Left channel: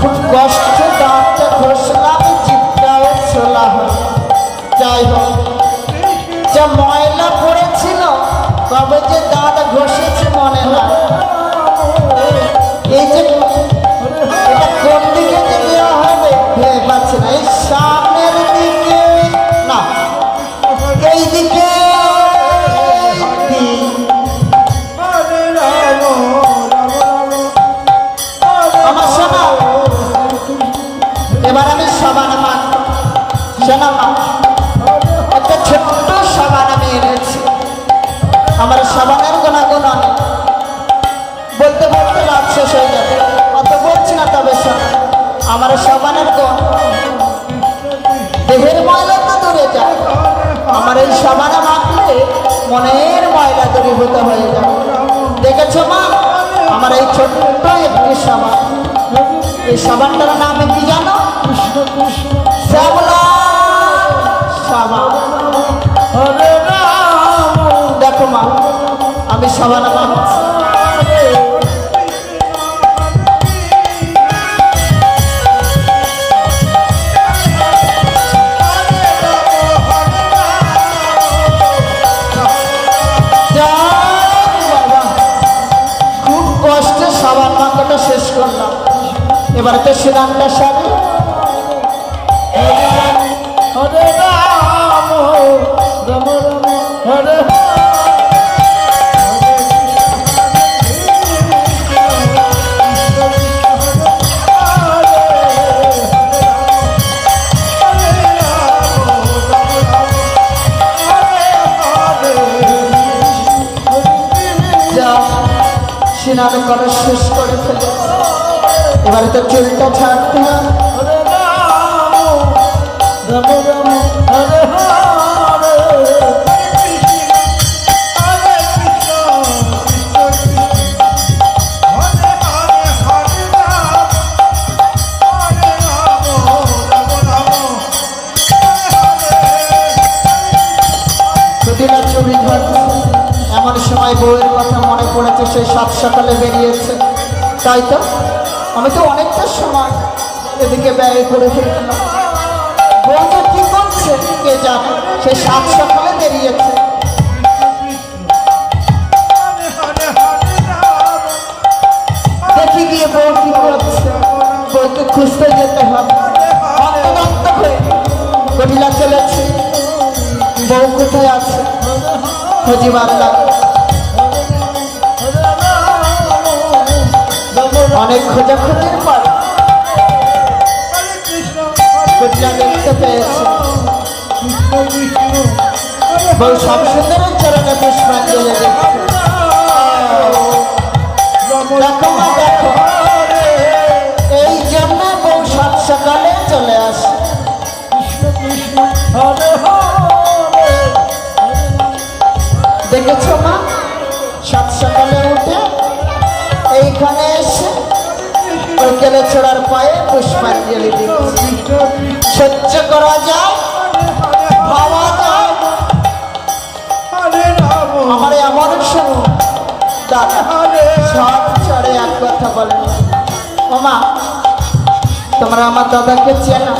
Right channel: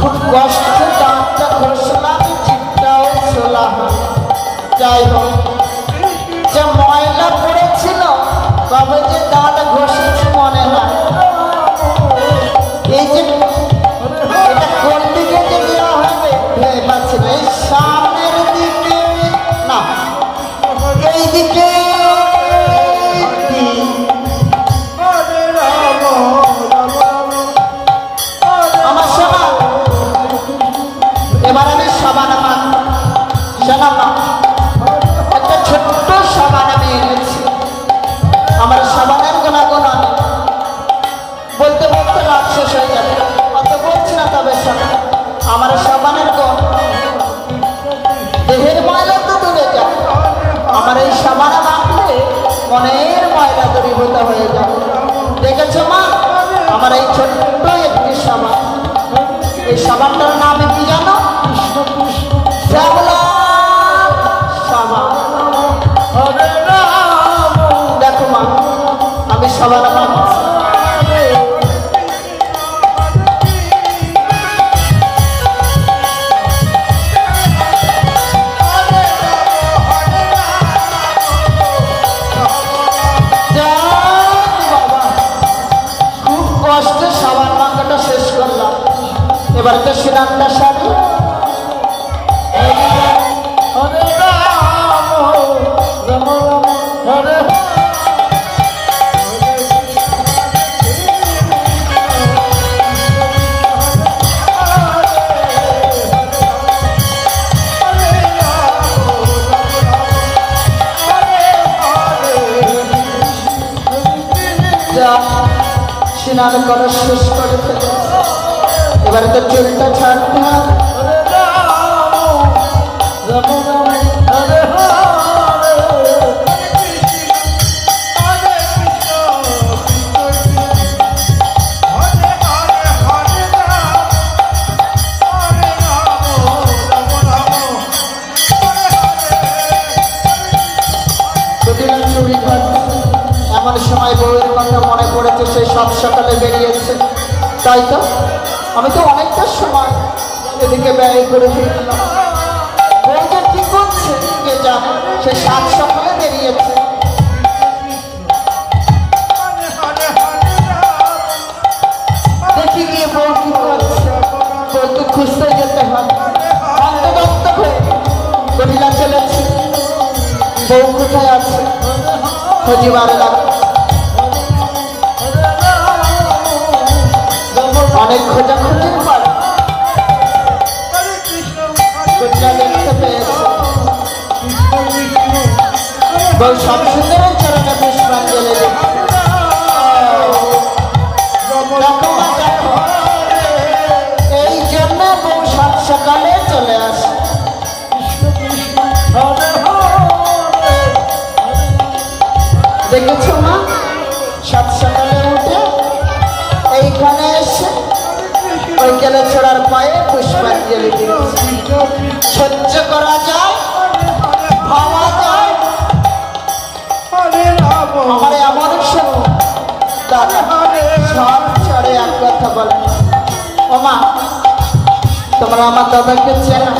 খুব কষ্ট দাঁতটা ঘষলাম, জিভটাও ছোলা হল। যাই হোক, যা ময়লা পড়েছিল কবে যে দাঁত ঘষেছি মনে না। এই যে এটা কোন দিকে দেওয়া হবে ভেবে পাচ্ছি না। এই সামনের দিকে না, এই দিকে আমার সোনা। এবার আমি সাবান সোনা একটা ছোট্ট সাবান আমি এনেছি। আমার সাবানের গুণাগুণ বলতে বলতে রাত শেষ হয়ে যাবে, অত বলছি না। তবে আমার সাবানের দেহের ময়লা তো দূরে যায়, আমার এই সাবানে মাখলে মনের ময়লা দূরীভূত হয়ে যাবে। দেখেছো মা, আমার এই ছোট্ট একটি সাবান। এই সাবানটার নামে কি জানো? শ্যামলা সাবান। দেখো মা, আমি সাবান মাখছি। সাবান মাখাটা শেষ করলাম, এবার তো শ্রীরামদাস সাথে সিনামে করা শেষ করে ফেলে। এবারে তো চুলটা ছাড়তে হবে। এমন সময় বউয়ের কথা মনে পড়েছে, সেই সাত সকালে বেরিয়েছে। তাই তো আমি তো অনেকটা সময় এদিকে ব্যয় করে ফেলি। বউ যে কি করছে কে জানে, সেই সাত সকালে বেরিয়েছে। দেখি গিয়ে বউ কি করছে। বউকে খুঁজতে যেতে হবে। অন্তর্গত হয়ে মহিলা চলেছে, বউ কোথায় আছে খোঁজিবার লাগে। অনেক খোঁজাখুঁজির পর দেখতে পেয়েছে বউ সব সুন্দর চরণে পুষ্পাঞ্জলি দিচ্ছে। দেখো, এই জন্য বউ সাত সকালে চলে আসে। দেখেছো না, সাত সকালে উঠে এইখানে এসে বিকেলে ছোড়ার পায়ে পুষ্পাঞ্জলি দিচ্ছে। সহ্য করা যায়, ভাবা যায়। আমার এমন সময় দাদা সব চড়ে এক কথা বলে, ও মা তোমরা আমার দাদাকে চেনো?